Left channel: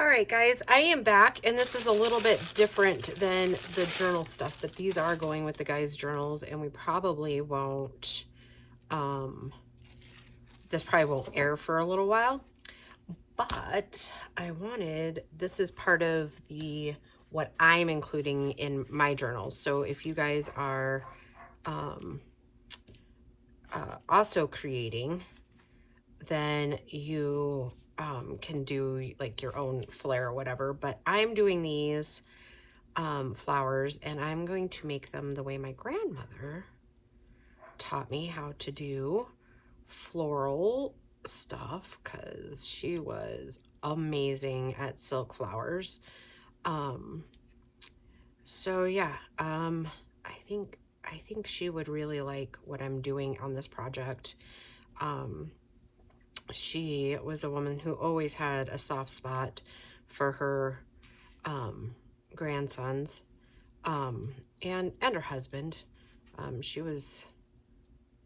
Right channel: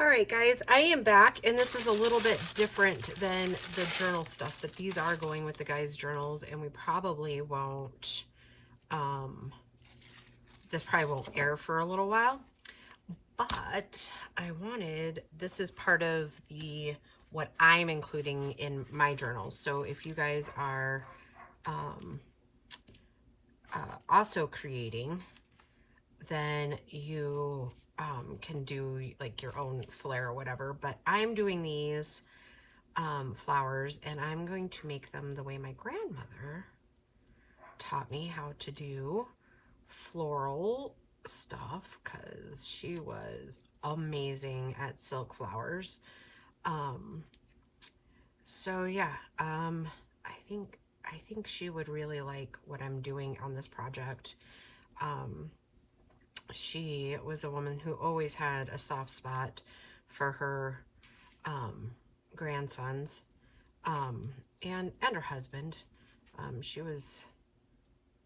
All right, guys, I am back, and this is a little bit different than the journal stuff, but these are going with the guys' journals, and we probably won't, this probably won't air for a little while, but this is part of what I'm including in my journals. So if you guys are also creating, then you can do like your own flair or whatever, but I'm doing these flowers, and I'm going to make them the way my grandmother taught me how to do floral stuff, because she was amazing at silk flowers. So yeah, I think she would really like what I'm doing on this project. She was a woman who always had a soft spot for her grandsons, and her husband. She was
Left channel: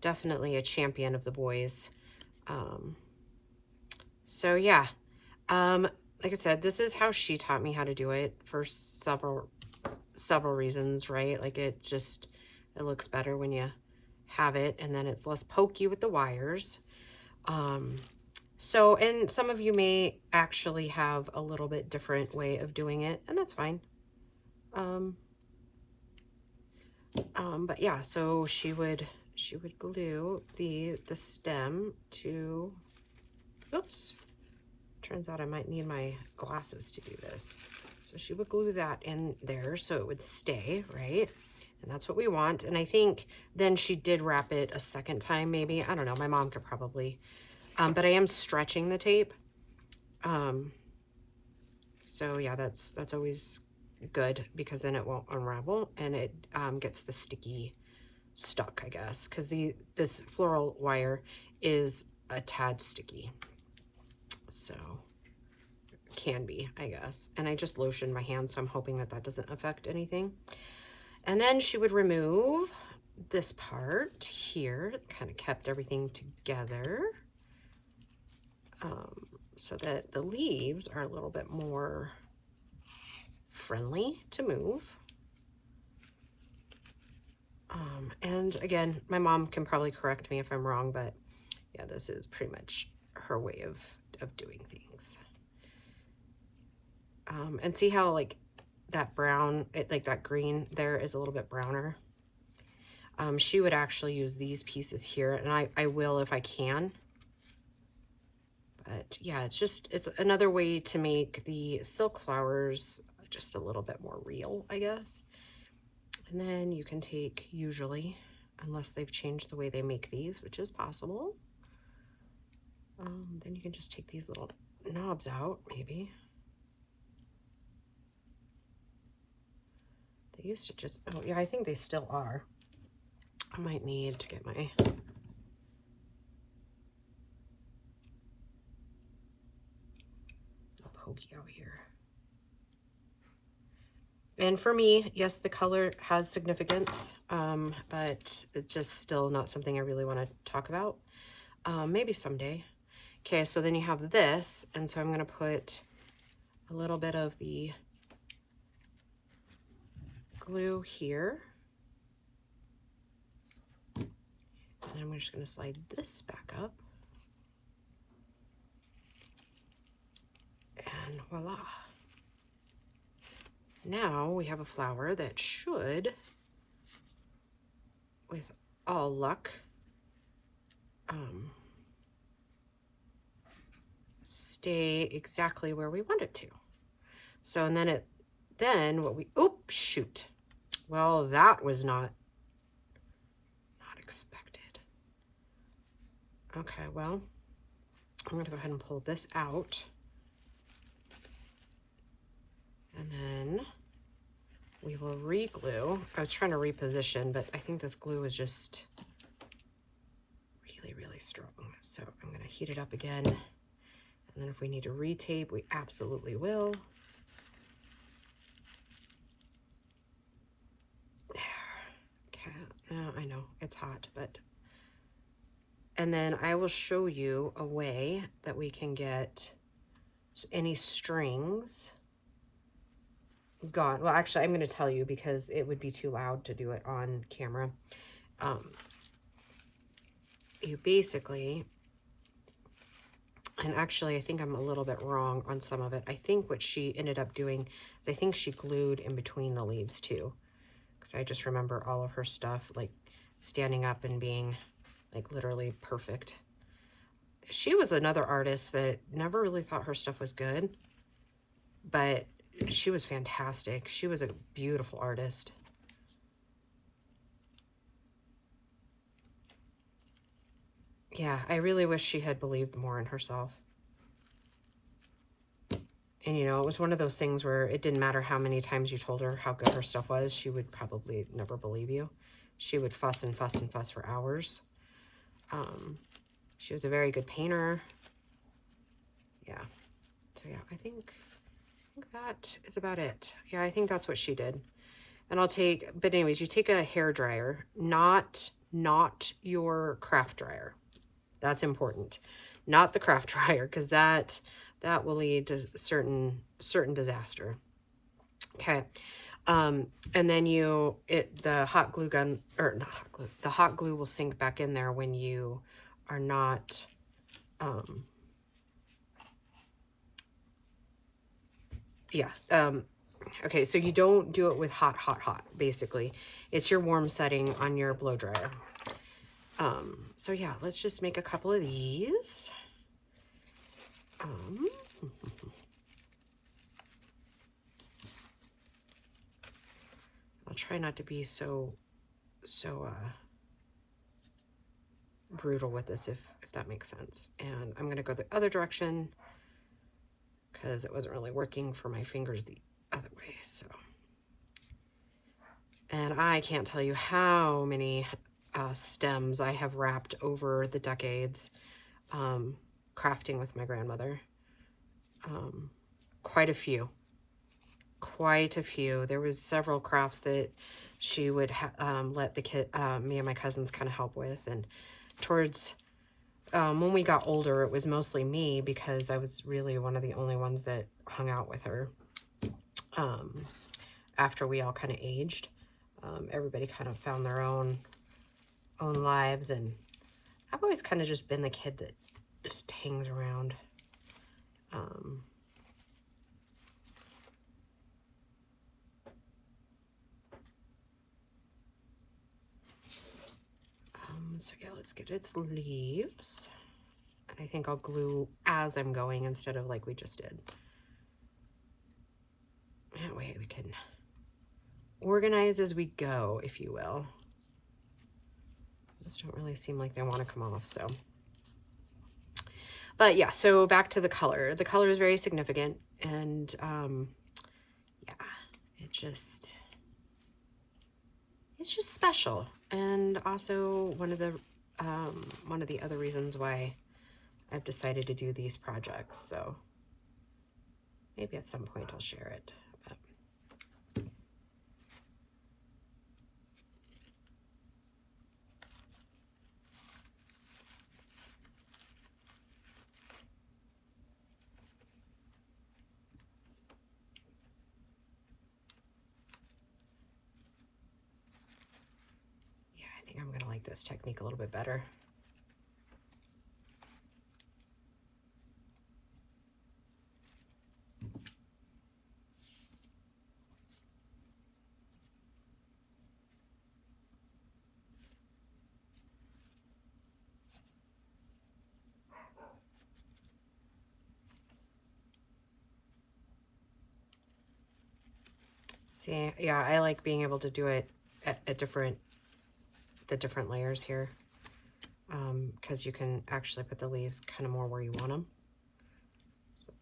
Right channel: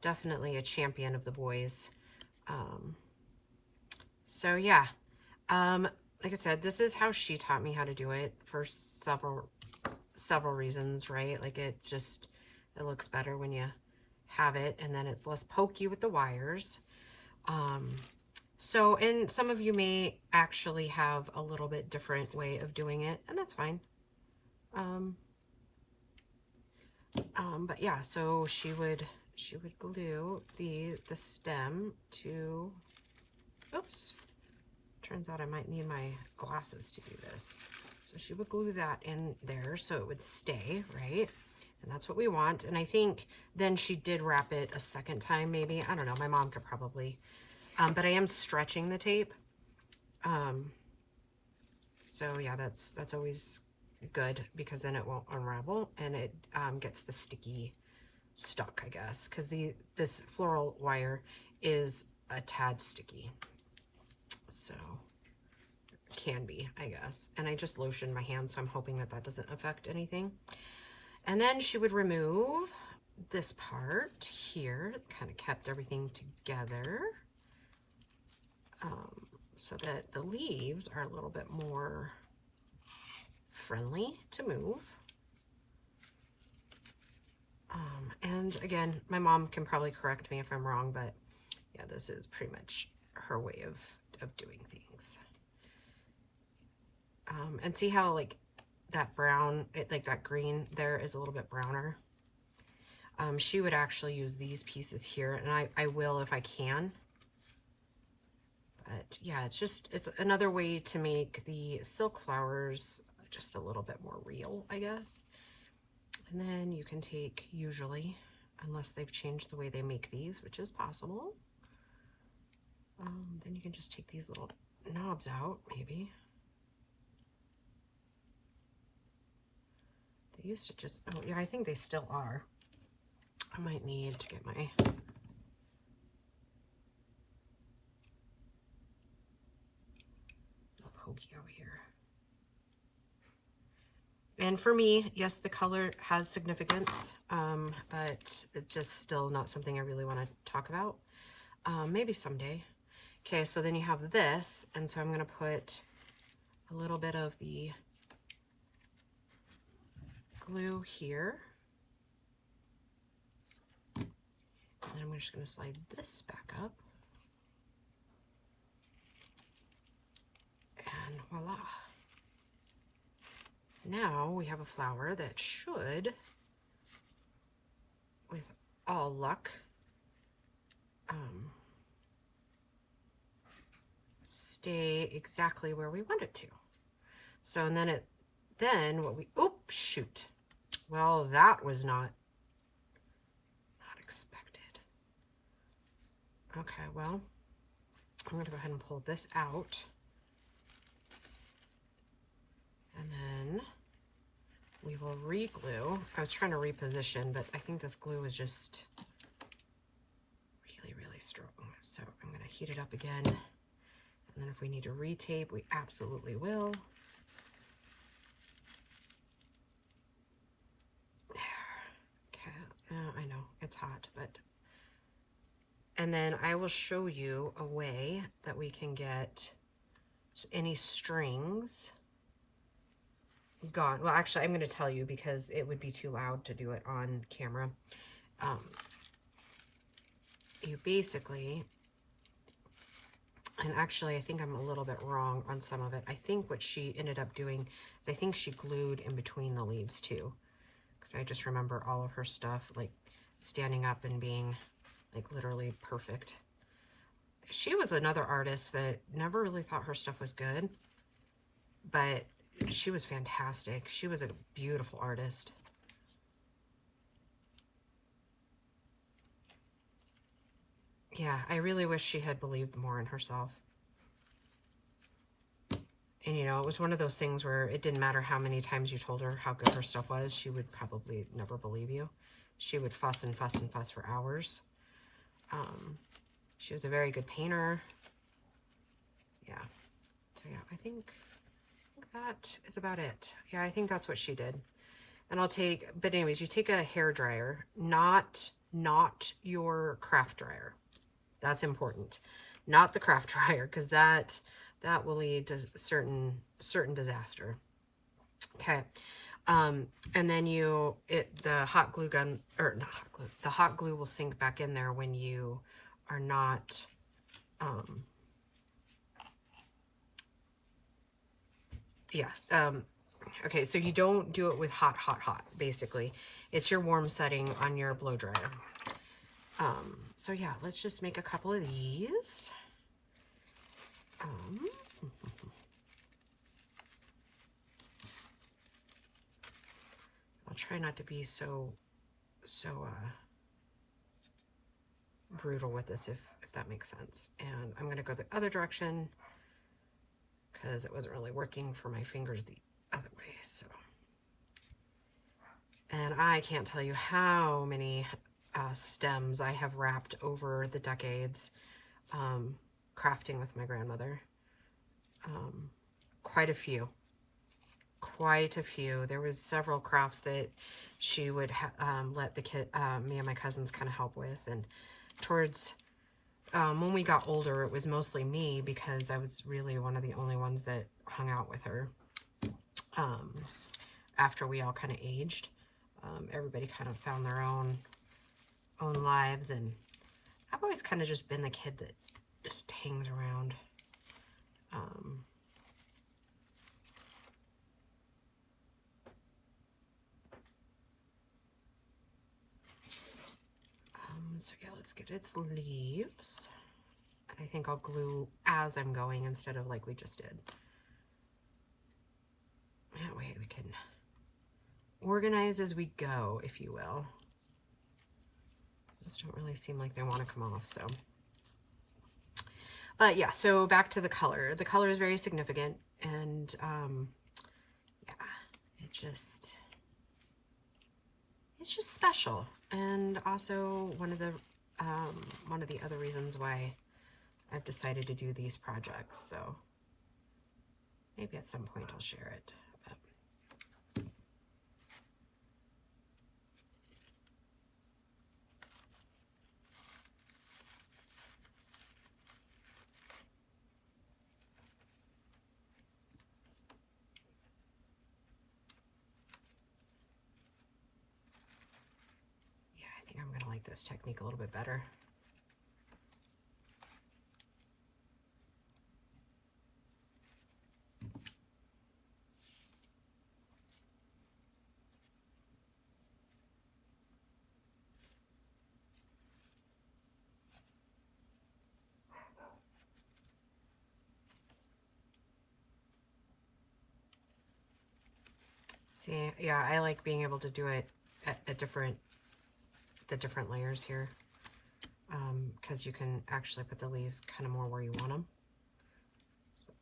definitely a champion of the boys. So yeah, like I said, this is how she taught me how to do it for several reasons, right? Like it looks better when you have it, and then it's less pokey with the wires. So, and some of you may actually have a little bit different way of doing it, and that's fine. But yeah, so she would glue the stem to, oops, turns out I might need my glasses to do this. So she would glue that in there so it would stay, right? And that's what we want. And I think then she did wrap it a second time, maybe. I don't know, my mom could probably, but I am stretching the tape. So yeah, that's always good, because then it won't unravel, and it gets the sticky stuck, I guess, because this floral wire is a tad sticky, so it can be, I guess. And I just lotioned my hands, so I'm hoping that doesn't affect anything. And then she would remove this part here, kind of kept everything together, so that the leaves are a little bit more friendly to move. And again, my mom can probably correct me if I'm wrong, but yeah, this is pretty much her way of doing things. And see how like that brown, like that green there is a little bit browner. She would actually use these pieces here, and I will if I can. But yeah, it's another way to make the silk flowers just a little bit more real, I guess. And then you can take, usually, unless they've changed the way they make these, which is possible, then you can just take these little knobs out, maybe. They used to just, oh yeah, I think they still are. I might need to get my little pokey out here. And for me, yes, the color has significance, but it's just still not something I really want to talk about. Maybe someday. Okay, so then you have this, and so I'm going to put a little bit of the glue here. And I'm just going to slide this back up. And voila. Now we have a flower that should, with all luck, stay exactly where we want it to. So, and then what we, oops, shoot. Well, that was not expected. Okay, well, I'm going to go ahead and pull this out. And then we will re-glue. I was trying to reposition, but I think this glue is just really, really strong. So I'm going to heat it up again. And then if we need to retape, we absolutely will. Okay, I know it's hot, but. And then I will show you a way that we can get any strings gone. Well, actually, I'm going to tell you because it would be too loud to do it on camera. You basically, and actually, I think I'm a little bit wrong on some of it. I think what she ended up doing is I think she glued in between the leaves too. Because I just remember all of her stuff, like, standing up and being, like, literally perfect. She was another artist that never really thought her stuff was good, but she was fantastic. She was a beautiful artist. Yeah, I really wish she had believed more in herself. And, you know, it was one of those things where it didn't matter how many times you told her how good her stuff was, she would probably never believe you. She would fuss and fuss and fuss for hours. She was a very good painter. Yeah. So, yeah, I think that is about it. Yeah, I think that's what she did. And I'll take, but anyways, you take a hair dryer, not your craft dryer. That's important. Not the craft dryer, because that will lead to certain disaster. Okay. And then the hot glue gun, or not hot glue, the hot glue will sink back in there when you are not, okay, so you don't do it with hot, basically. It's your warm setting on your blow dryer. So yeah, let's just make a couple of these. I'll try not to be so brutal with this, if that makes sense. And I'm gonna go the other direction because it wasn't really working for my fingers the other way. So, and I can't tell you how many stems I have wrapped over the decades crafting with my grandmother. Quite a few. There was several crafts that she would let me and my cousins kind of help with, and towards when we got older, it was mostly me because I was really one of the only ones that hung out with her. After we all kind of aged, everybody kind of found their own lives, and I've always kind of just been the kid that just hangs around. So yeah, let's get its leaves. And I think I'll glue as I'm going instead of like we just did. That way we can organize as we go, if you will. These don't really seem like they want to come off, so. But yeah, so back to the color. The color is very significant, and yeah, it's just special. And also one of the other reasons why I've decided to do these projects. So maybe at some point I'll share it. But yeah, I think I'm gonna like this technique a little bit better. See, yeah, I like being able to do it at the different layers here, because you can actually put the leaves kind of more where you want them. So.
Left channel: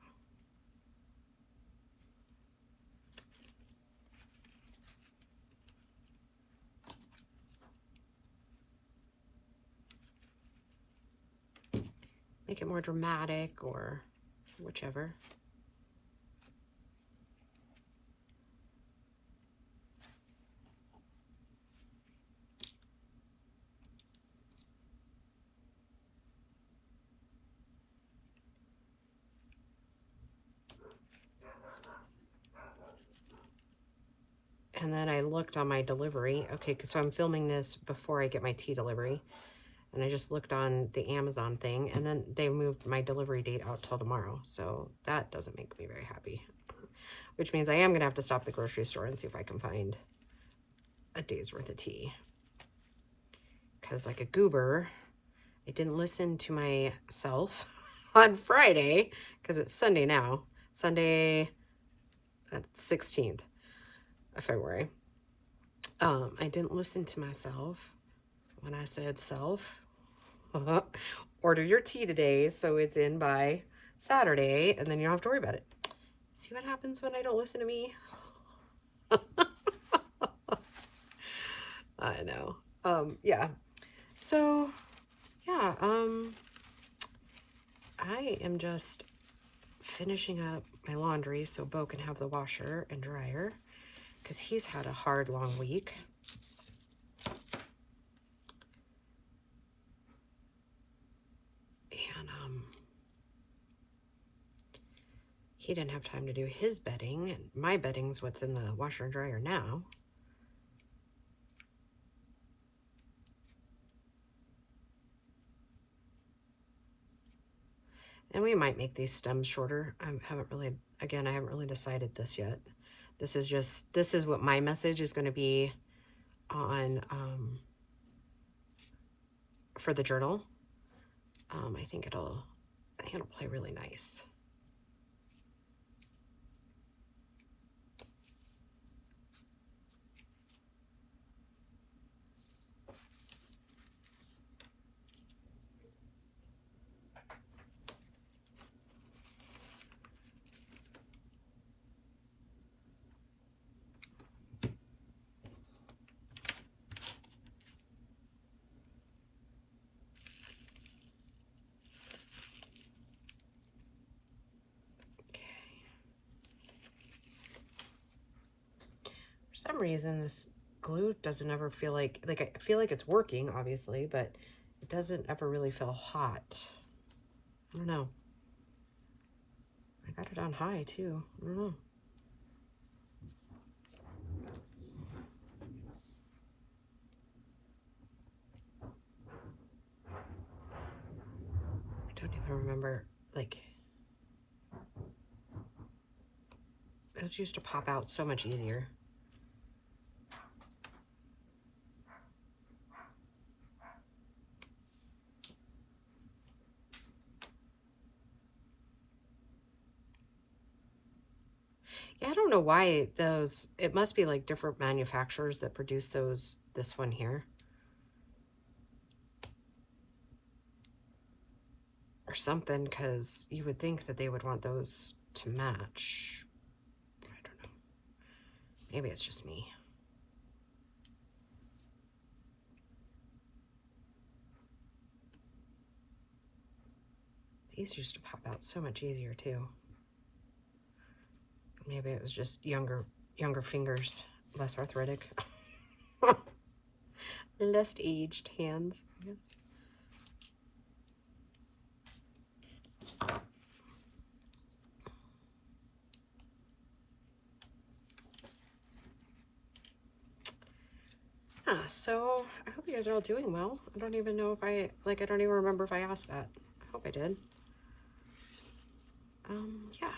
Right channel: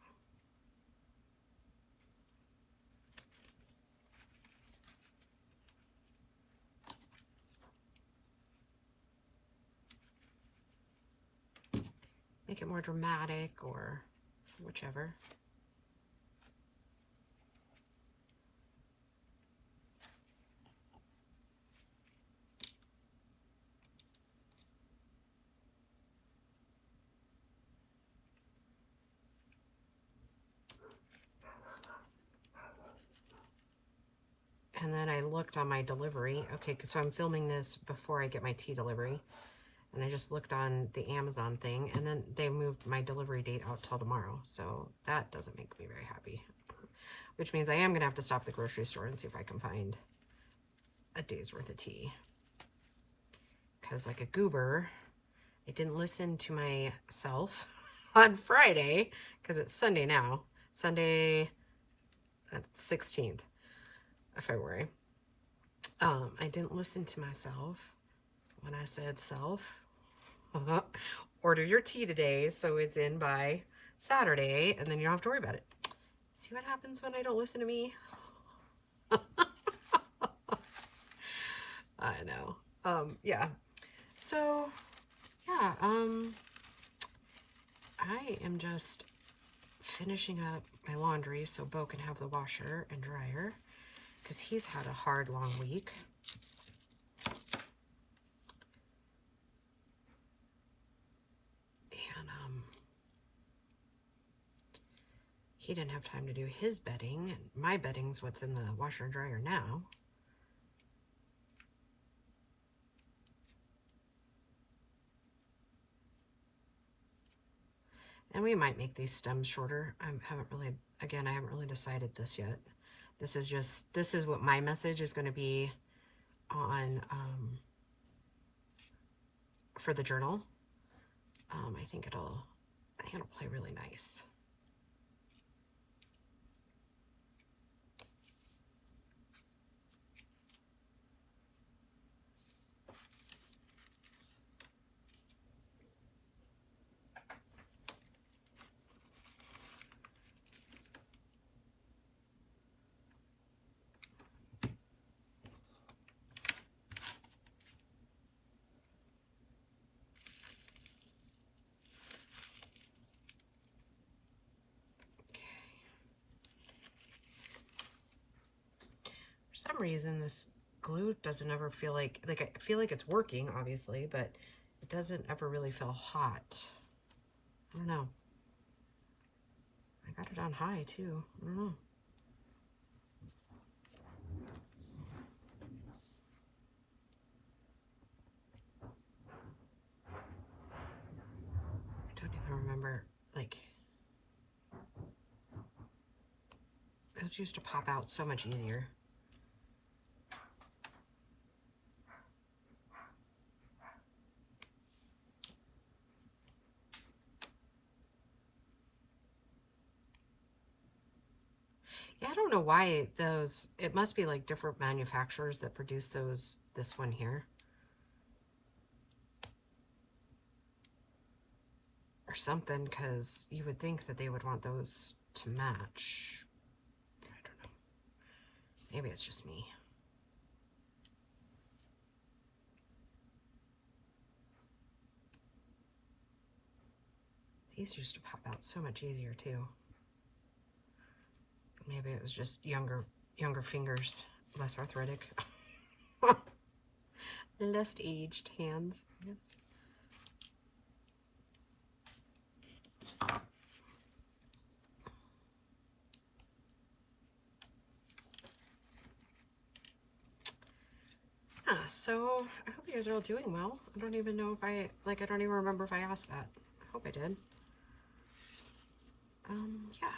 Make it more dramatic or whichever. And then I looked on my delivery. Okay, so I'm filming this before I get my tea delivery. And I just looked on the Amazon thing, and then they moved my delivery date out till tomorrow. So that doesn't make me very happy. Which means I am going to have to stop at the grocery store and see if I can find a day's worth of tea. Because like a goober, I didn't listen to myself on Friday, because it's Sunday now. Sunday, 16th of February. I didn't listen to myself when I said self. Order your tea today so it's in by Saturday, and then you don't have to worry about it. See what happens when I don't listen to me? I know. Yeah. So, yeah, I am just finishing up my laundry so Bo can have the washer and dryer, because he's had a hard, long week. And, he didn't have time to do his bedding, and my bedding's what's in the washer and dryer now. And we might make these stems shorter. I haven't really decided this yet. This is what my message is going to be on, for the journal. I think it'll play really nice. For some reason, this glue doesn't ever feel like I feel like it's working, obviously, but it doesn't ever really feel hot. I don't know. I got it on high, too. I don't know. I don't even remember, like, those used to pop out so much easier. Yeah, I don't know why those, it must be like different manufacturers that produce those, this one here. Or something, because you would think that they would want those to match. I don't know. Maybe it's just me. These used to pop out so much easier too. Maybe it was just younger fingers, less arthritic. Less aged hands. Yes. So I hope you guys are all doing well. I don't even know if I don't even remember if I asked that. I hope I did. Yeah.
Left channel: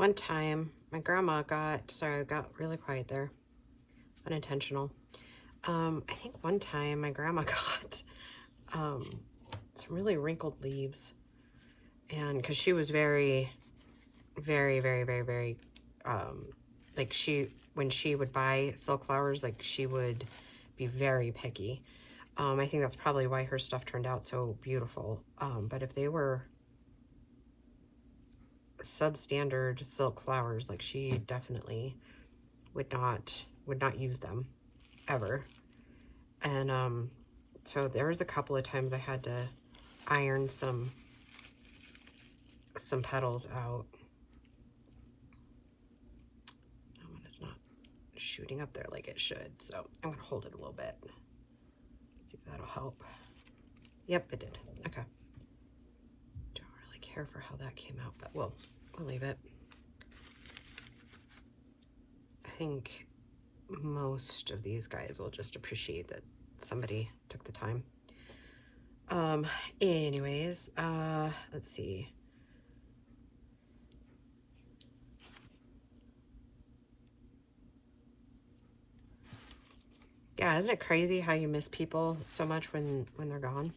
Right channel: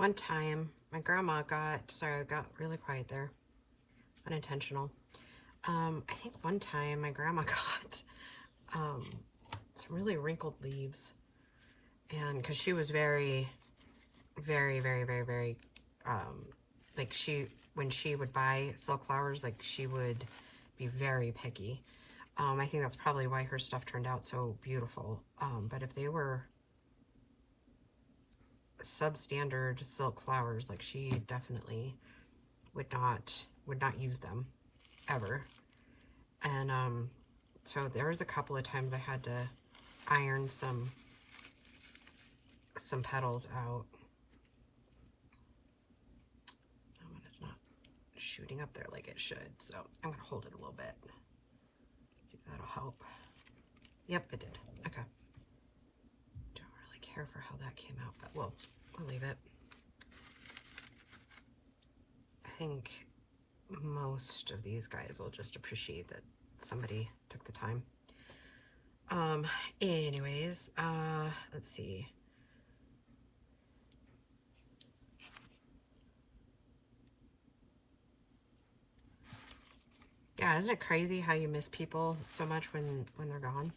One time, my grandma got, sorry, I got really quiet there, unintentional. I think one time my grandma got some really wrinkled leaves, and because she was very, very, very, very, very, like when she would buy silk flowers, like she would be very picky. I think that's probably why her stuff turned out so beautiful. But if they were substandard silk flowers, like she definitely would not use them ever. And so there was a couple of times I had to iron some petals out. That one is not shooting up there like it should, so I'm gonna hold it a little bit. See if that'll help. Yep, it did. Okay. Don't really care for how that came out, but we'll leave it. I think most of these guys will just appreciate that somebody took the time. Anyways, let's see. Yeah, isn't it crazy how you miss people so much when they're gone?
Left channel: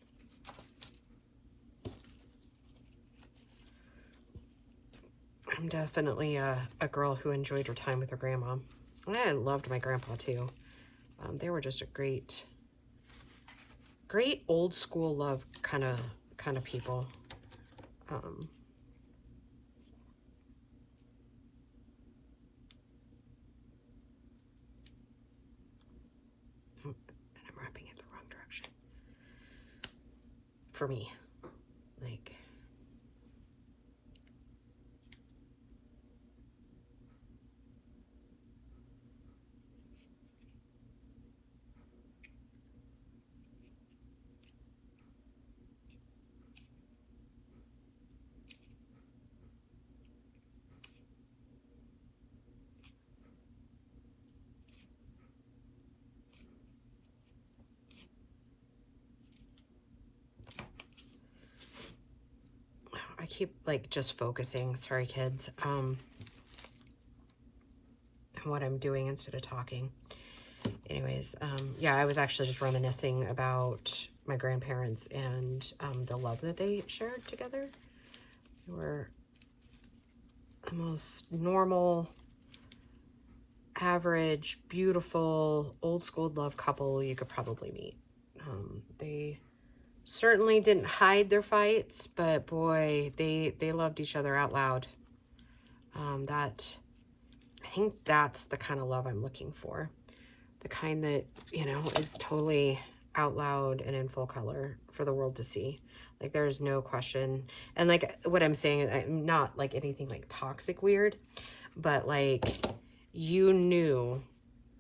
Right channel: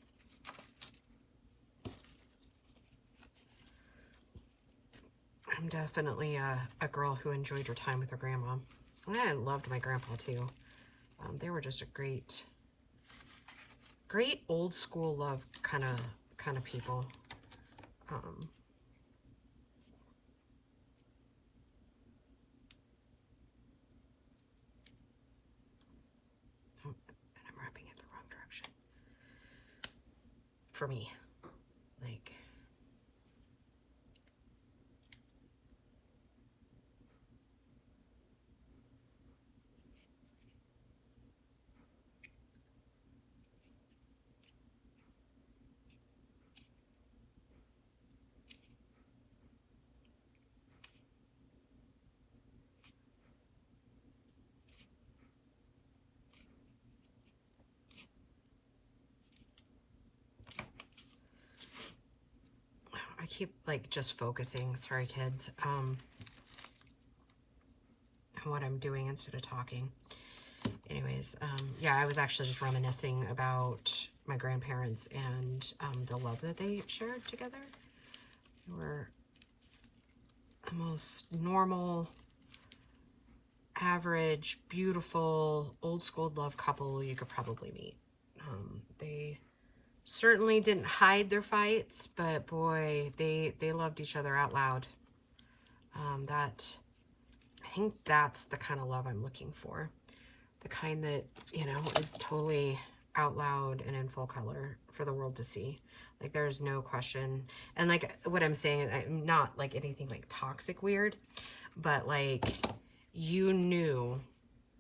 I'm definitely a girl who enjoyed her time with her grandma. And I loved my grandpa too. They were just a great old school love kind of people. And I'm wrapping it the wrong direction. For me, like. I keep like just focusing, sorry kids, on what I'm doing instead of talking. Anyways, yeah, I was actually just reminiscing about my grandparents and the love that they shared together. They were the most normal, average, beautiful, old school love couple you could probably meet. They certainly didn't hide their fights, but boy, they loved each other out loud. I think that's the kind of love I'm looking for. The kind that, you know, is totally out loud and in full color for the world to see. Like, there's no question. And like what I'm saying, I'm not like anything like toxic weird, but like you knew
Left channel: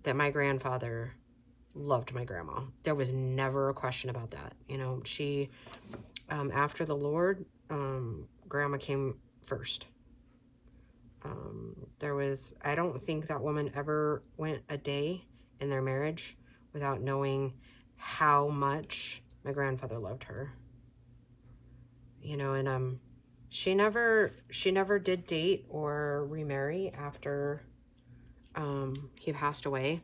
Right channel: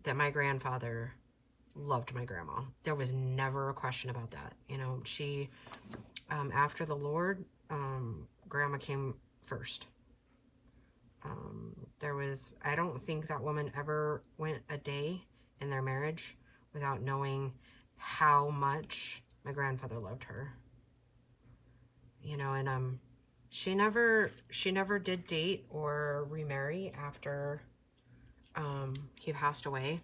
that my grandfather loved my grandma. There was never a question about that. You know, she, after the Lord, grandma came first. I don't think that woman ever went a day in their marriage without knowing how much my grandfather loved her. You know, and she never did date or remarry after he passed away.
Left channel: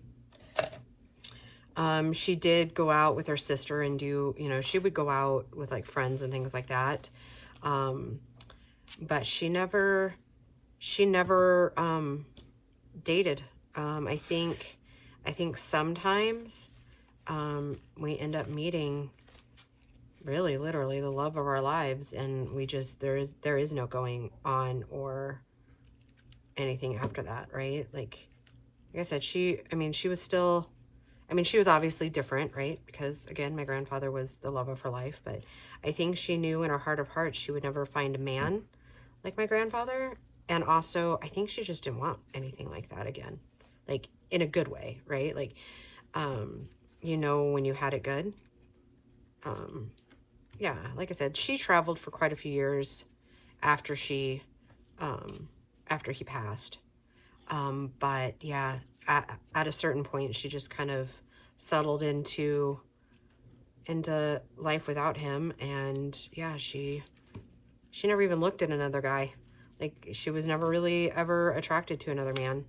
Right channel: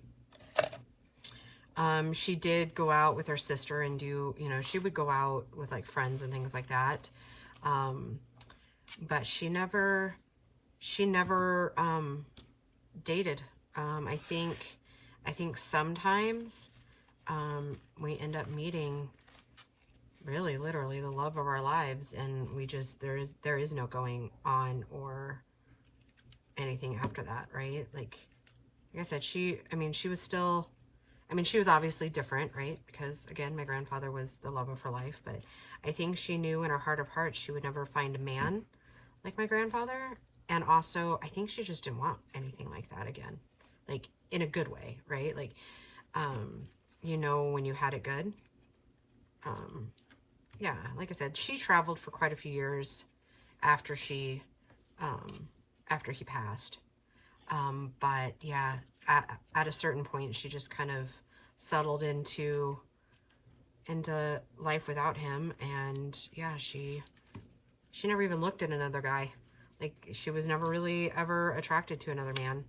She did go out with her sister and do, you know, she would go out with like friends and things like that. But she never dated. I think sometimes we end up meeting really literally the love of our lives, and we just there is no going on or anything after that, right? Like I said, she was obviously different, right? Because again, my grandfather was the love of her life, but I think she knew in her heart of hearts she would never find a man like my grandfather. And also, I think she just didn't want anything like that again, like in a good way, right? Like, you know, when you had it good. Yeah, like I said, she traveled for quite a few years after he passed. But yeah, at a certain point, she just kind of settled into life without him. And yeah, she never even looked at another guy. Like, she was never really ever attracted to another man.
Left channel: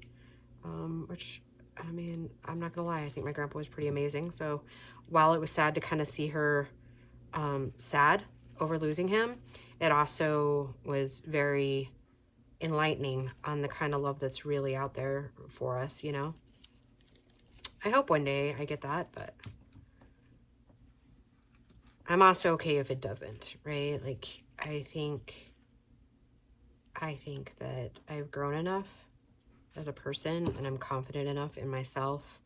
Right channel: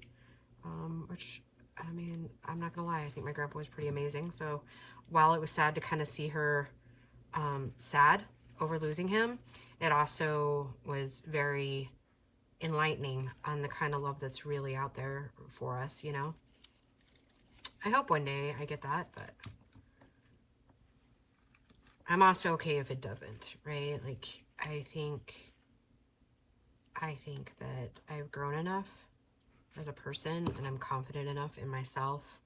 Which, I mean, I'm not gonna lie, I think my grandpa was pretty amazing. So while it was sad to kind of see her sad over losing him, it also was very enlightening on the kind of love that's really out there for us, you know. I hope one day I get that, but I'm also okay if it doesn't, right? Like, I think that I've grown enough as a person, and I'm confident enough in myself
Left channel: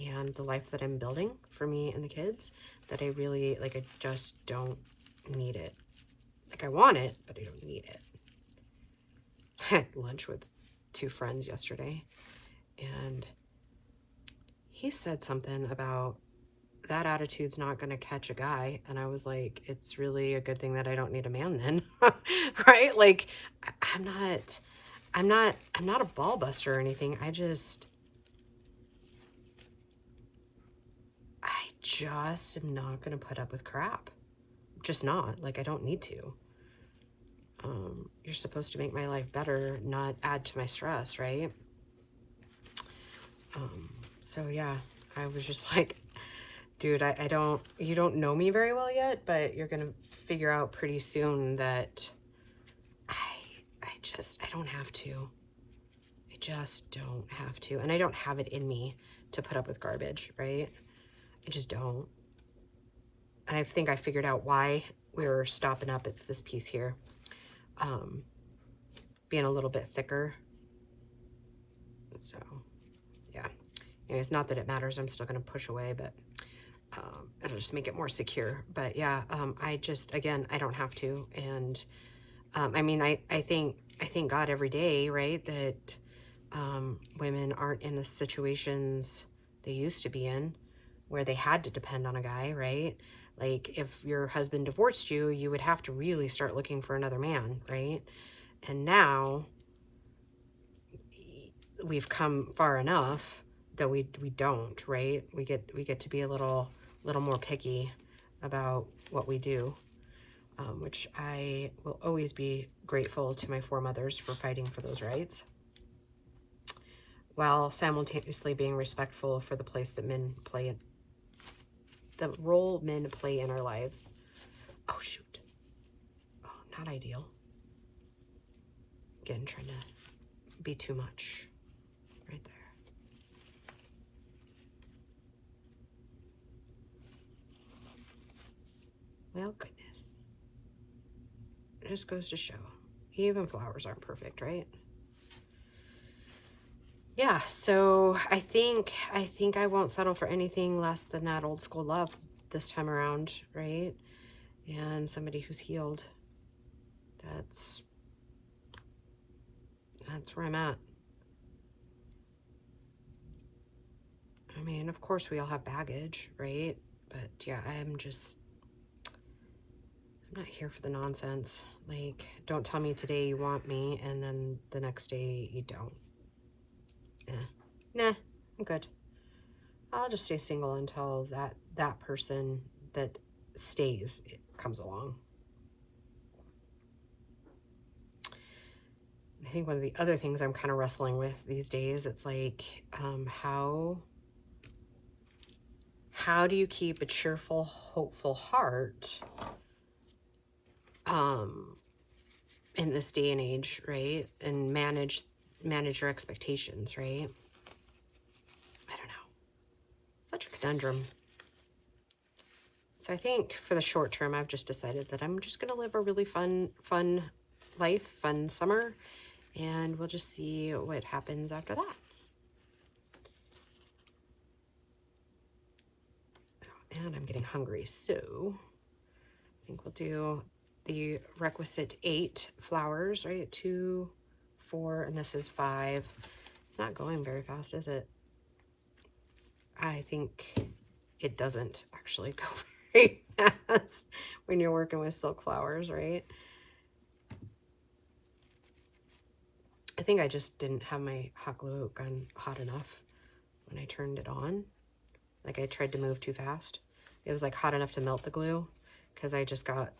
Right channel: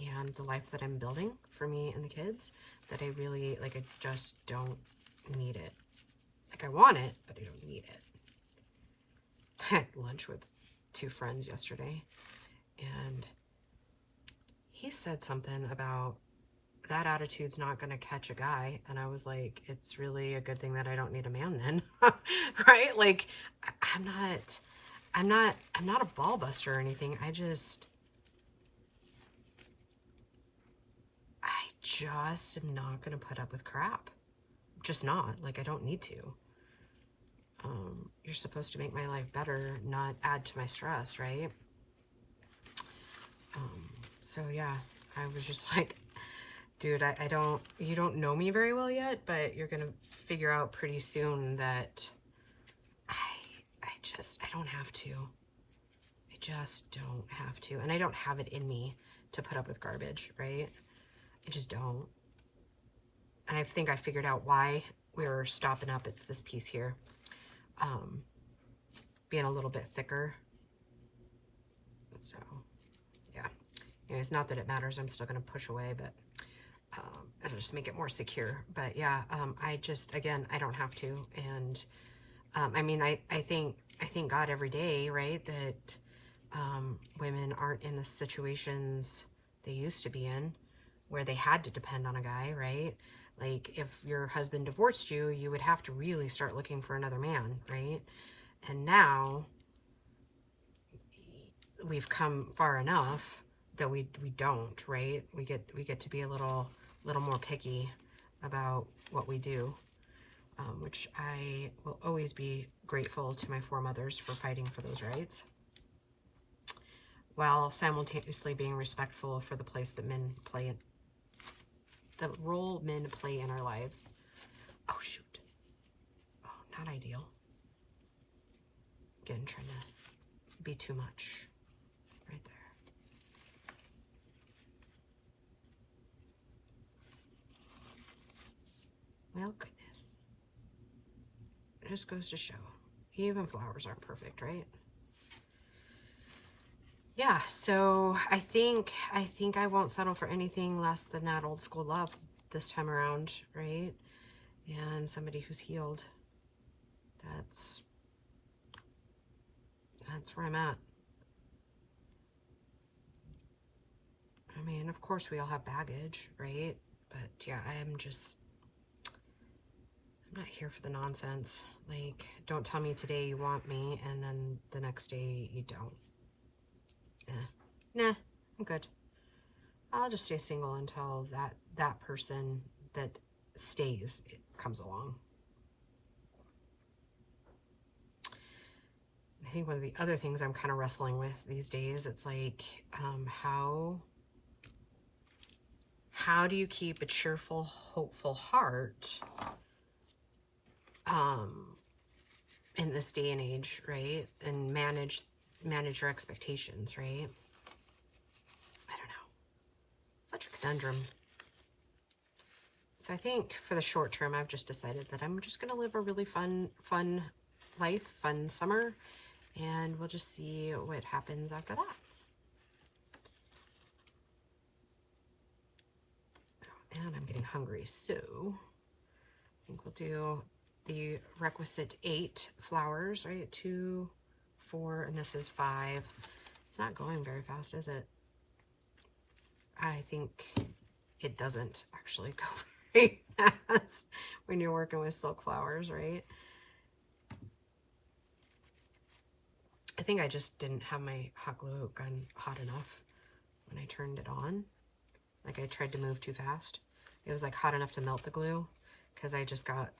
and the life that I'm building for me and the kids, that I really, like, I just don't need it. Like, I want it, but I don't need it. I had lunch with 2 friends yesterday, and he said something about that attitude's not going to catch a guy. And I was like, it's really a good thing that I don't need a man then. Right? Like, I'm not a ball buster or anything. I just am not going to put up with crap. Just not. Like, I don't need to. You're supposed to make my life better, not add to my stress, right? So yeah, I was just like, dude, you don't know me very well yet, but you're gonna figure out pretty soon that I don't have to. I just don't have to. And I don't have it in me to put up with garbage, right? I just don't. And I think I figured out why we were stopping up. It's this piece here. Being a little bit thicker. So, yeah. Anyways, not that it matters. I'm still going to push away, but it'll just make it more secure. But yeah, I just, again, I don't have to. And I mean, I thank God every day, right, that women aren't in the situations they used to be in, where they had to depend on a guy, right? Like, if your husband divorced you, you would have to really start looking for another man, right? And now we've come far enough that we don't, right? We get to be a little more picky about what we do, which I will always be grateful to my foremothers for fighting for those rights, while simultaneously being respectful for the place that men play, the role men play in our lives. Oh, shoot. Oh, not ideal. Again, trying to be too much right there. Well, goodness. It just goes to show, even flowers aren't perfect, right? Yeah, so I think I won't settle for anything less than that old school love this time around, right? And somebody who's healed. That's where I'm at. I mean, of course we all have baggage, right? But yeah, I'm not here for the nonsense. Like, don't tell me today you want me and then the next day you don't. Nah, I'm good. I'll just stay single until that person that stays comes along. I think one of the other things I'm kind of wrestling with these days, it's like, how do you keep a cheerful, hopeful heart in this day and age, right? And manage your expectations, right? I don't know. Such a conundrum. So I think for the short term, I've just decided that I'm just going to live a really fun life, fun summer, and we'll just see what happens after that. And I'm getting hungry, so I think we'll do the requisite 8 flowers, right? 2, 4, and this is 5. It's not going very fast, is it? I think it doesn't actually go very fast when you're working with silk flowers, right? I think I just didn't have my hot glue gun hot enough when I turned it on. Like, I tried to move too fast. It was like hot enough to melt the glue, because I just got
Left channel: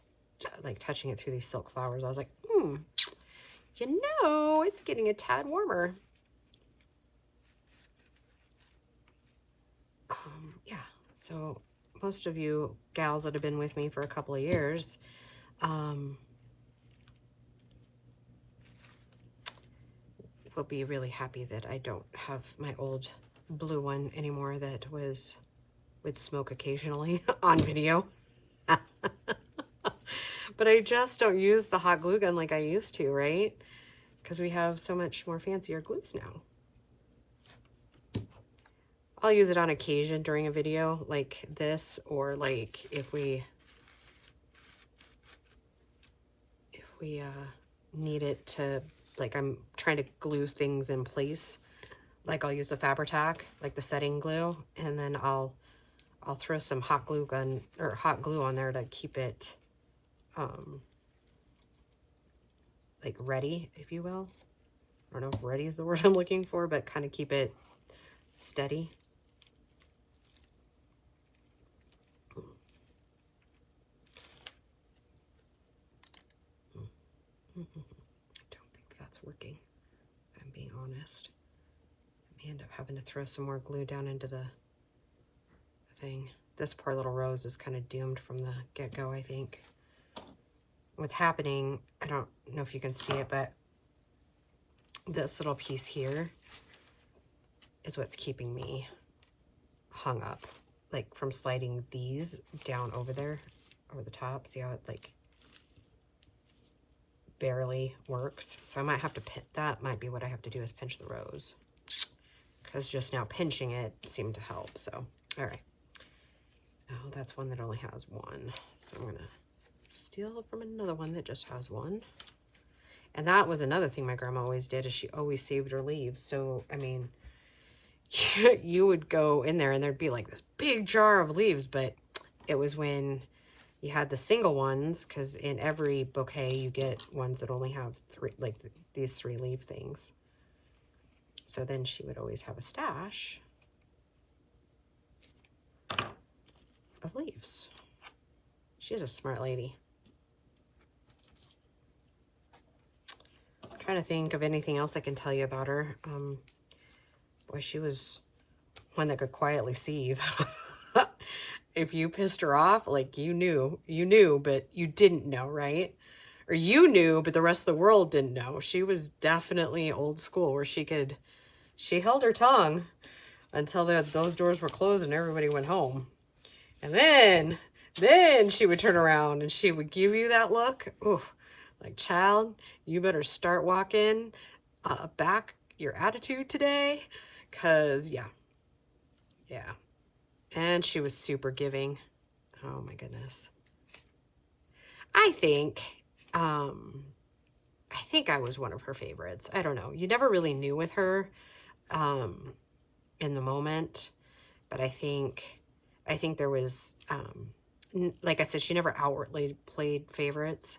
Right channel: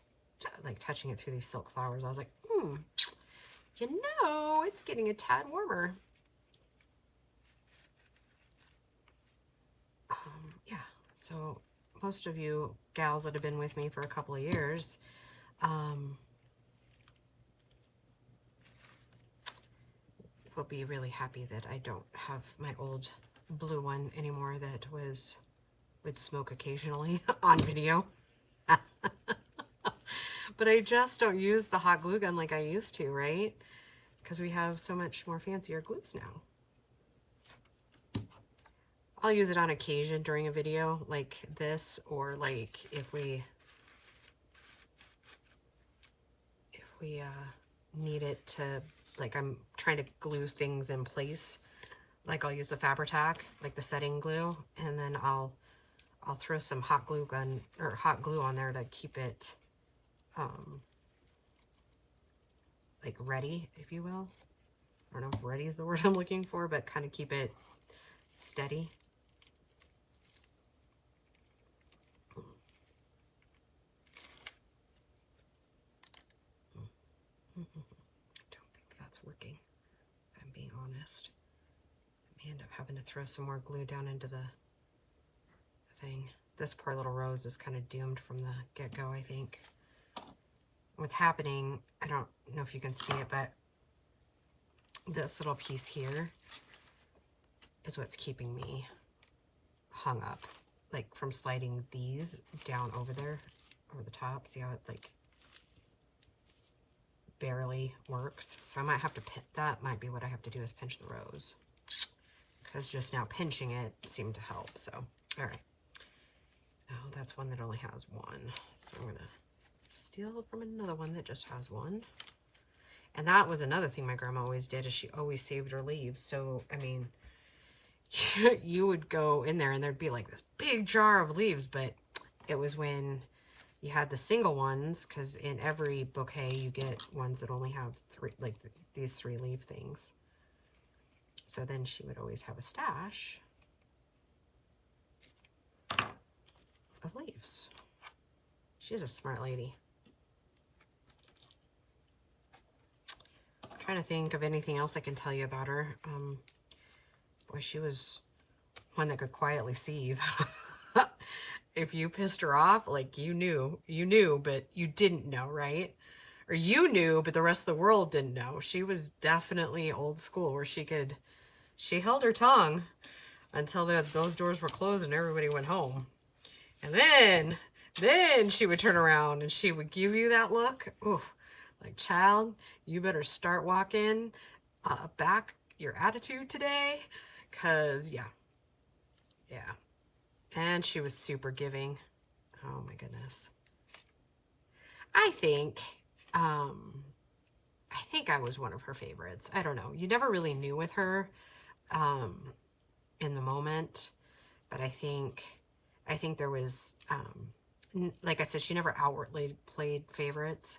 like touching it through these silk flowers. I was like, You know, it's getting a tad warmer. Yeah, so most of you gals that have been with me for a couple of years, will be really happy that I don't have my old blue one anymore that would smoke occasionally on video. But I just don't use the hot glue gun like I used to, right? Because we have so much more fancier glues now. I'll use it on occasion during a video like this, or like if we need it to, like I'm trying to glue things in place. Like I'll use the Fabri-Tac, like the setting glue, and then I'll throw some hot glue gun or hot glue on there to keep it like ready, if you will. I don't know if ready is the word I'm looking for, but kind of keep it steady. I don't think that's working, if I'm being honest. I may end up having to throw some more glue down into the thing. This poor little rose is kind of doomed from the get-go, I think. What's happening, I don't know if you can see it, but this little piece here is what's keeping me hung up, like from sliding these down over there, over the top. See how it like barely works? So I might have to pinch, that might be what I have to do, is pinch the rose, because just now pinching it seemed to help. So, all right. Oh, that's one that only has one. So I'm gonna steal from another one that just has one. And that was another thing my grandma always did, is she always saved her leaves. So, I mean, you would go in there and there'd be like this big jar of leaves, but it was when you had the single ones, because in every bouquet you get ones that only have three, like these 3 leaf things. So then she would always have a stash of leaves. She's a smart lady. I'm trying to think of anything else I can tell you about her. Boy, she was one that could quietly seethe. If you pissed her off, like you knew, but you didn't know, right? Or you knew, but the rest of the world didn't know. She was definitely old school, where she held her tongue until those doors were closed and everybody went home. And then she would turn around and she would give you that look. Ooh, like, child, you better start walking back your attitude today. Because, yeah. And she was super giving. Oh, my goodness. I think I was one of her favorites. I don't know. You never really knew with her in the moment. But I think there was, like I said, she never outwardly played favorites.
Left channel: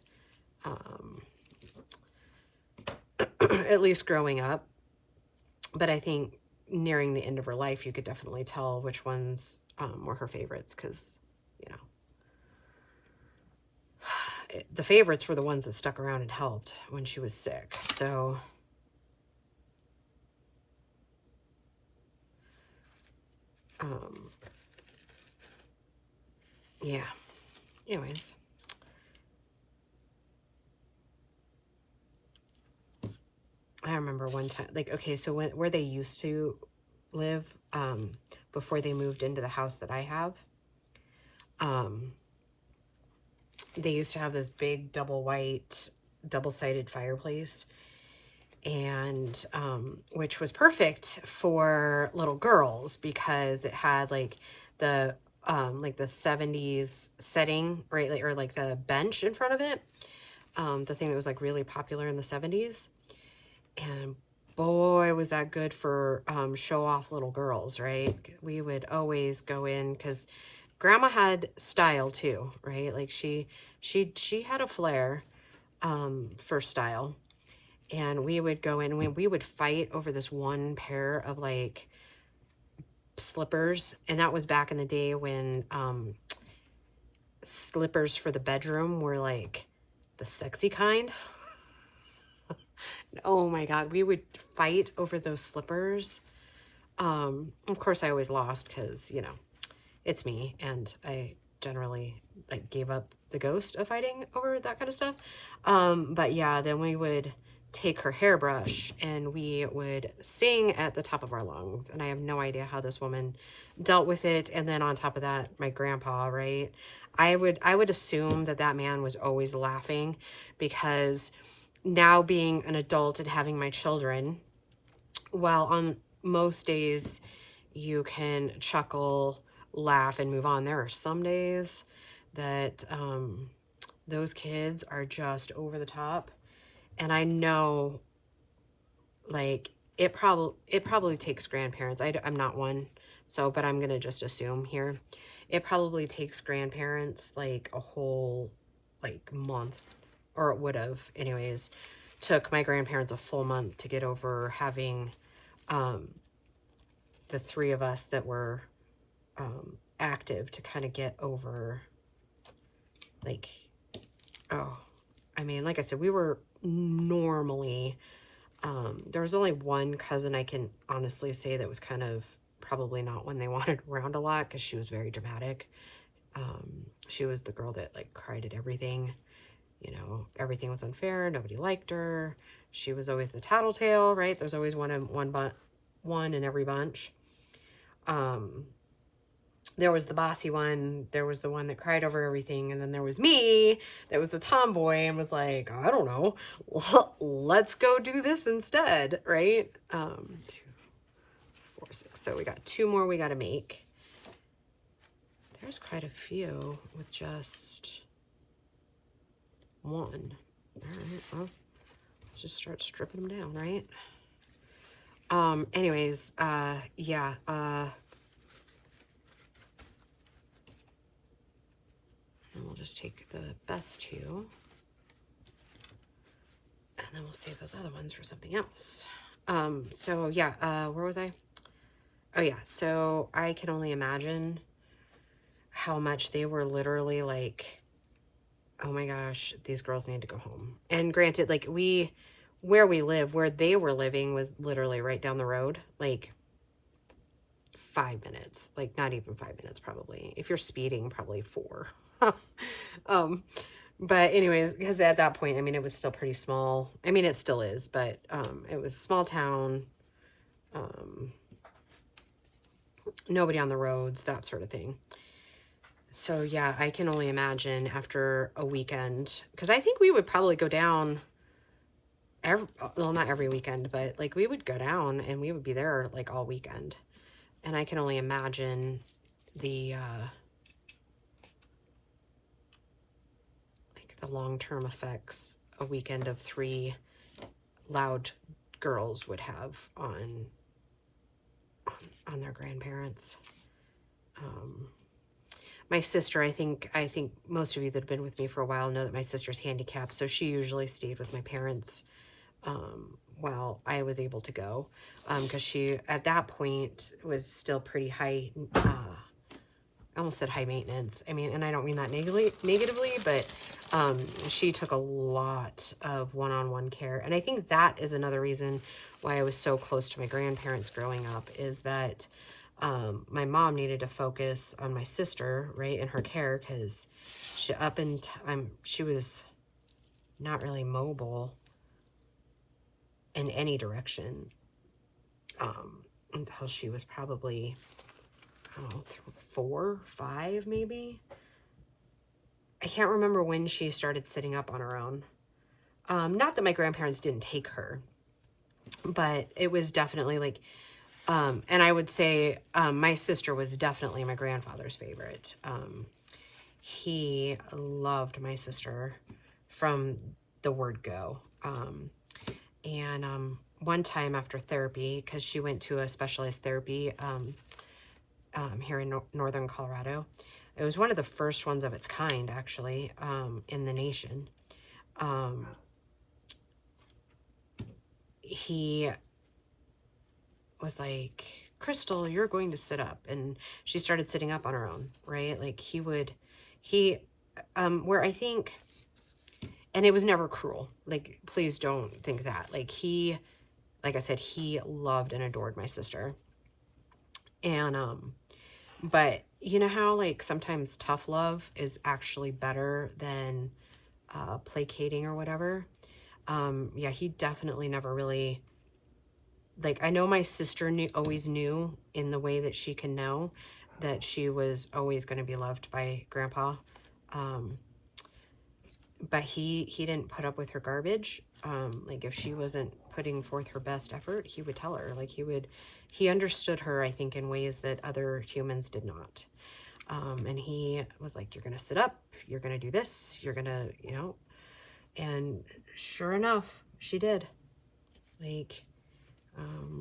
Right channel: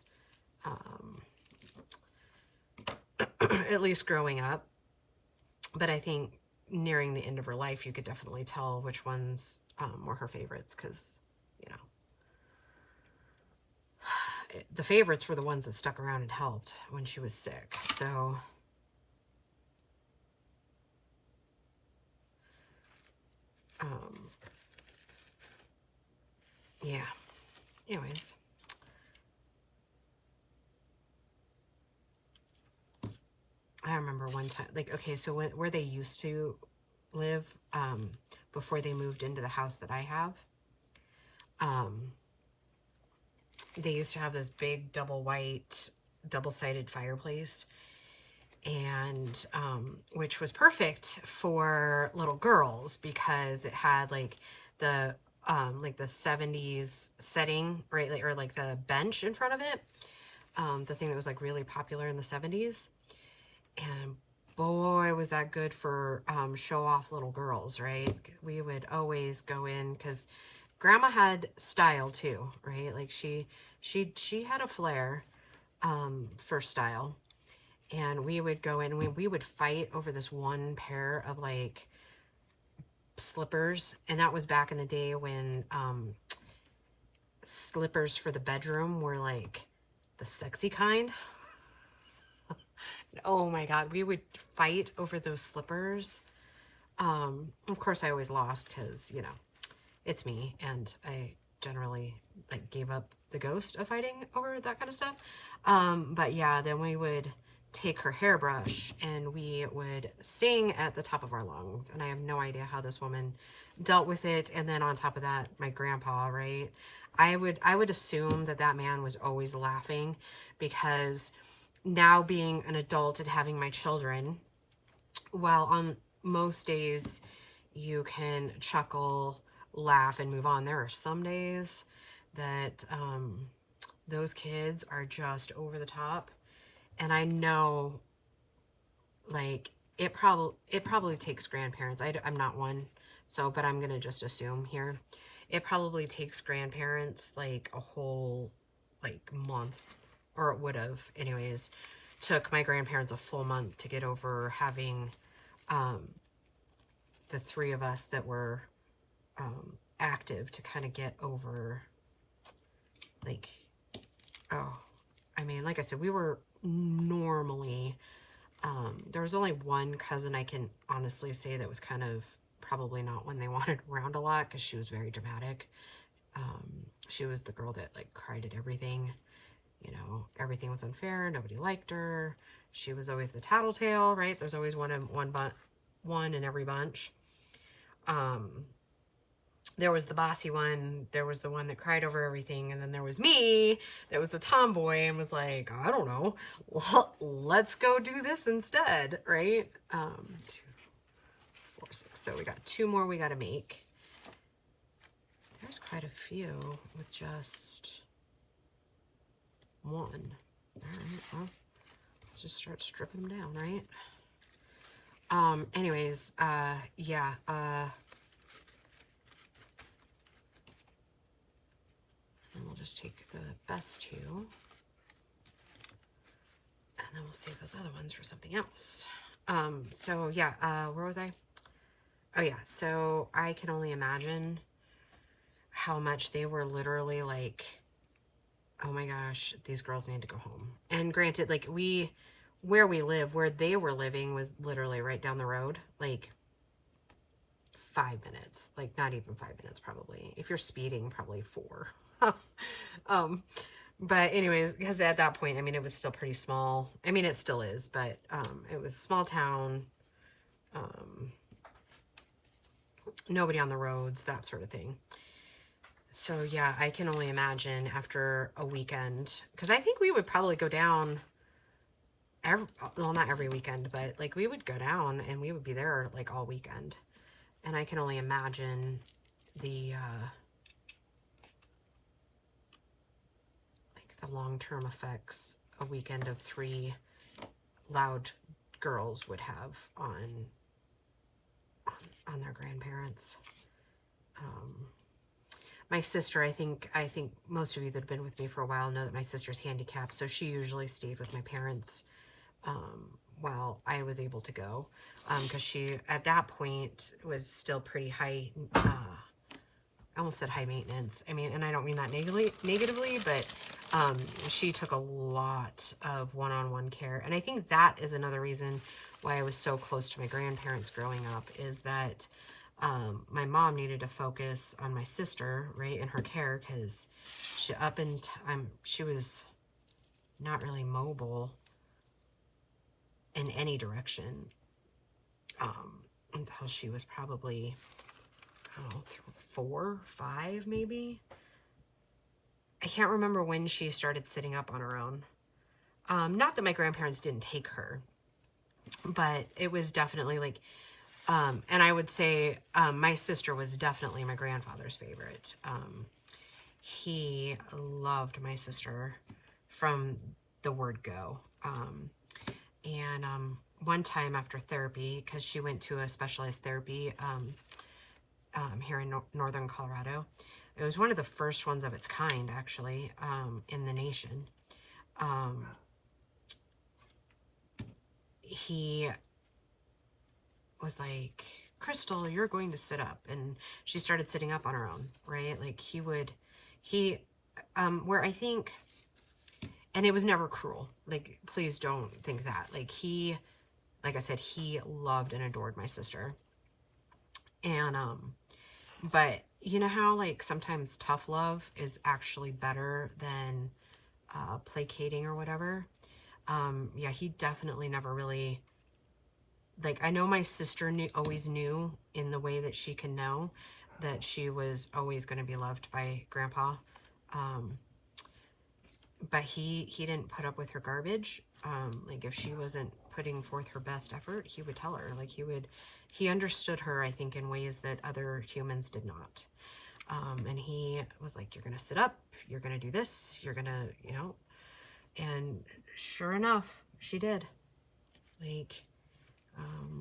At least growing up. But I think nearing the end of her life, you could definitely tell which ones were her favorites, because, you know, the favorites were the ones that stuck around and helped when she was sick. So, yeah. Anyways. I remember one time, like, okay, so where they used to live, before they moved into the house that I have, they used to have this big double-sided fireplace, and, which was perfect for little girls, because it had, like, the 70s setting, right, or like the bench in front of it, the thing that was, like, really popular in the 70s. And boy, was that good for show-off little girls, right? We would always go in, because Grandma had style too, right? Like she had a flair for style. And we would go in, we would fight over this one pair of like slippers. And that was back in the day when slippers for the bedroom were like the sexy kind. Oh my God, we would fight over those slippers. Of course I always lost because, you know, it's me, and I generally like gave up the ghost of fighting over that kind of stuff. But yeah, then we would take her hairbrush and we would sing at the top of our lungs. And I have no idea how this woman dealt with it. And then on top of that, my grandpa, right? I would assume that that man was always laughing, because now being an adult and having my children, well, on most days you can chuckle, laugh, and move on. There are some days that those kids are just over the top. And I know, like, it probably takes grandparents. I'm not one, so, but I'm gonna just assume here. It probably takes grandparents like a whole, like, month, or it would have anyways. Took my grandparents a full month to get over having the three of us that were active, to kind of get over, like, oh, I mean, like I said, we were normally, there was only one cousin I can honestly say that was kind of probably not one they wanted around a lot, because she was very dramatic. She was the girl that like cried at everything. You know, everything was unfair. Nobody liked her. She was always the tattletale, right? There's always one in every bunch. There was the bossy one. There was the one that cried over everything. And then there was me that was the tomboy and was like, I don't know, let's go do this instead, right? 2, 4, 6. So we got 2 more we got to make. There's quite a few with just 1. All right, well, let's just start stripping them down, right? Anyways, yeah, and we'll just take the best 2, and then we'll save those other ones for something else. So yeah, where was I? Oh yeah, so I can only imagine how much they were literally like, oh my gosh, these girls need to go home. And granted, like, where we live, where they were living was literally right down the road, like 5 minutes, like not even 5 minutes probably. If you're speeding, probably 4. But anyways, because at that point, I mean, it was still pretty small. I mean, it still is, but it was a small town, nobody on the roads, that sort of thing. So yeah, I can only imagine after a weekend, because I think we would probably go down well, not every weekend, but like we would go down and we would be there like all weekend. And I can only imagine the like the long-term effects a weekend of 3 loud girls would have on their grandparents. My sister, I think most of you that have been with me for a while know that my sister's handicapped, so she usually stayed with my parents while I was able to go, because she, at that point, was still pretty high, I almost said high maintenance. I mean, and I don't mean that negatively, but she took a lot of one-on-one care. And I think that is another reason why I was so close to my grandparents growing up, is that my mom needed to focus on my sister, right, and her care, because she was not really mobile in any direction until she was probably, I don't know, 4, 5 maybe. I can't remember when she started sitting up on her own. Not that my grandparents didn't take her, but it was definitely like, and I would say my sister was definitely my grandfather's favorite. He loved my sister from the word go. And one time after therapy, because she went to a specialized therapy here in northern Colorado. It was one of the first ones of its kind, actually, in the nation. He was like, Crystal, you're going to sit up. And she started sitting up on her own, right? Like where I think, and it was never cruel. Like, please don't think that. Like, like I said, he loved and adored my sister. And, but you know how, like, sometimes tough love is actually better than, placating or whatever? Yeah, he definitely never really, like, I know my sister always knew in the way that she can know that she was always going to be loved by Grandpa. But he didn't put up with her garbage. Like, if she wasn't putting forth her best effort, he would tell her. Like, he understood her, I think, in ways that other humans did not. And he was like, you're going to sit up, you're going to do this, you're going to, you know, and sure enough, she did. Like,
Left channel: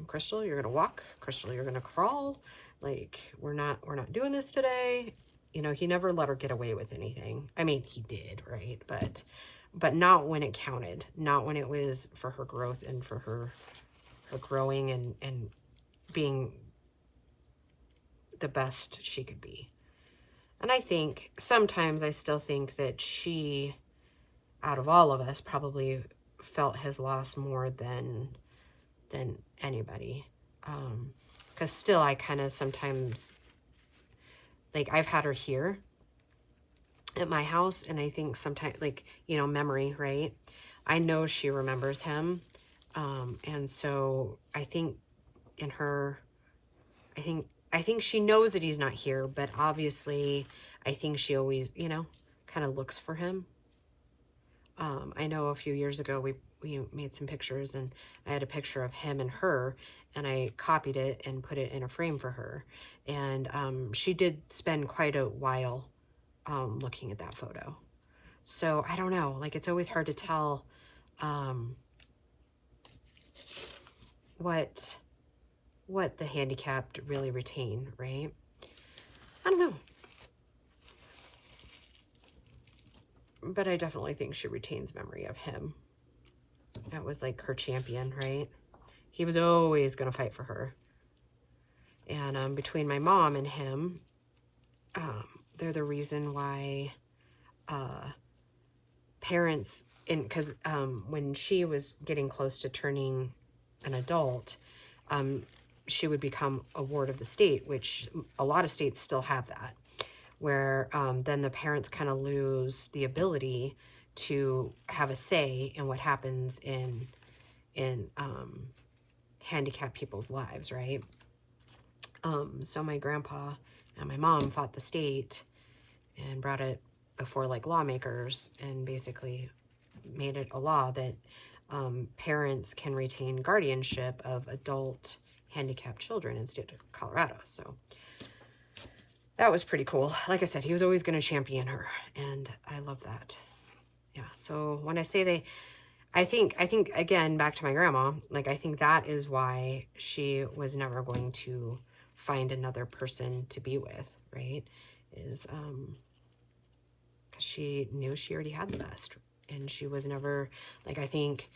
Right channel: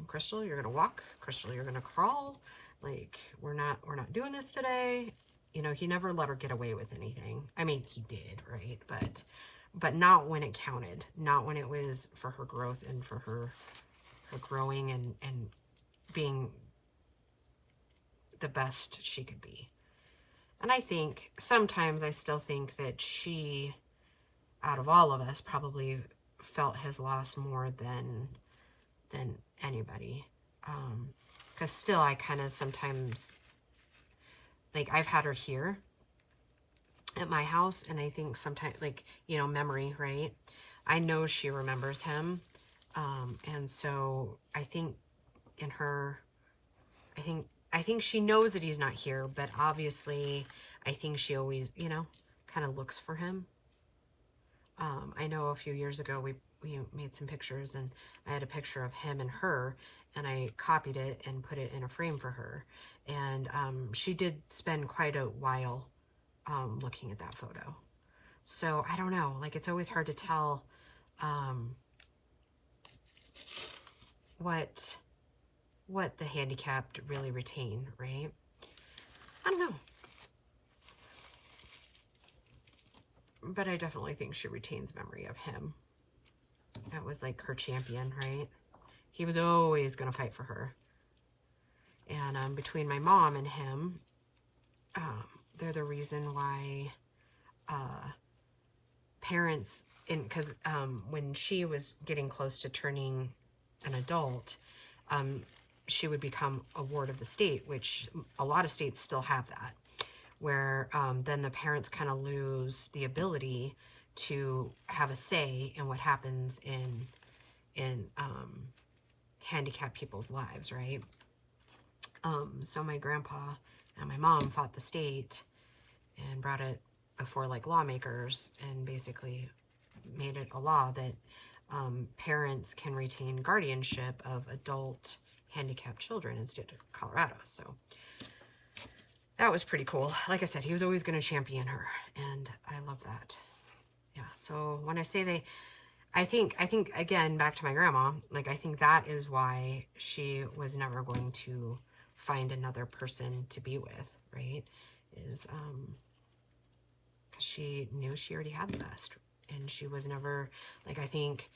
Crystal, you're going to walk. Crystal, you're going to crawl. Like, we're not doing this today. You know, he never let her get away with anything. I mean, he did, right? But not when it counted. Not when it was for her growth and for her growing and being the best she could be. And I think sometimes I still think that she, out of all of us, probably felt his loss more than anybody. Because still I kind of sometimes, like, I've had her here at my house, and I think sometimes, like, you know, memory, right? I know she remembers him. And so I think in her, I think she knows that he's not here, but obviously I think she always, you know, kind of looks for him. I know a few years ago we made some pictures, and I had a picture of him and her, and I copied it and put it in a frame for her. And she did spend quite a while looking at that photo. So I don't know, like, it's always hard to tell what the handicapped really retain, right? I don't know. But I definitely think she retains memory of him. That was like her champion, right? He was always going to fight for her. And between my mom and him, they're the reason why parents, because when she was getting close to turning an adult, she would become a ward of the state, which a lot of states still have that, where then the parents kind of lose the ability to have a say in what happens in handicapped people's lives, right? So my grandpa and my mom fought the state and brought it before, like, lawmakers, and basically made it a law that parents can retain guardianship of adult handicapped children in the state of Colorado. So that was pretty cool. Like I said, he was always going to champion her, and I love that. Yeah, so when I say I think again, back to my grandma, like, I think that is why she was never going to find another person to be with, right? Is she knew she already had the best, and she was never, like, I think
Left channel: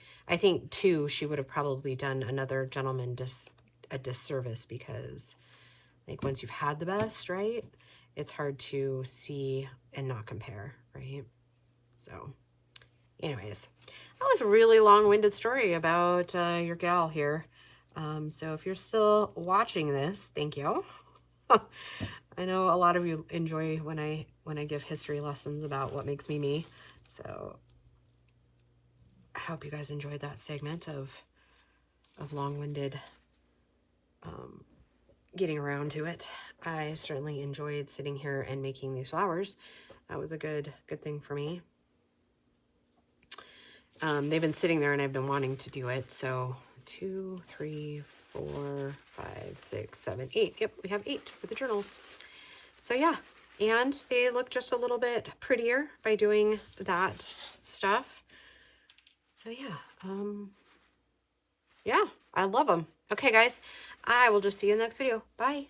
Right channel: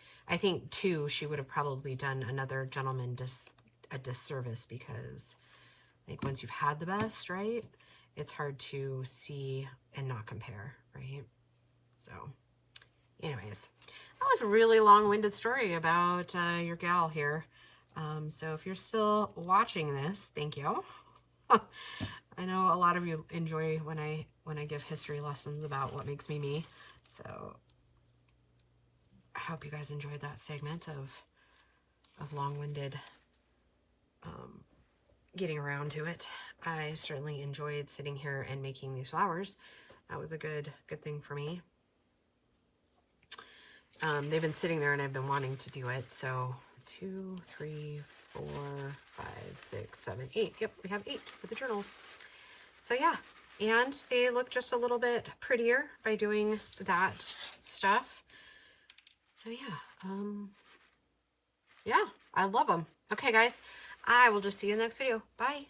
too, she would have probably done another gentleman a disservice, because, like, once you've had the best, right, it's hard to see and not compare, right? So anyways, that was a really long-winded story about your gal here. So if you're still watching this, thank you. I know a lot of you enjoy when I give history lessons about what makes me me. So I hope you guys enjoyed that segment of long-winded getting around to it. I certainly enjoyed sitting here and making these flowers. That was a good thing for me. They've been sitting there and I've been wanting to do it. So 2, 3, 4, 5, 6, 7, 8. Yep, we have 8 for the journals. So yeah, and they look just a little bit prettier by doing that stuff. So yeah, yeah, I love them. Okay, guys, I will just see you in the next video. Bye.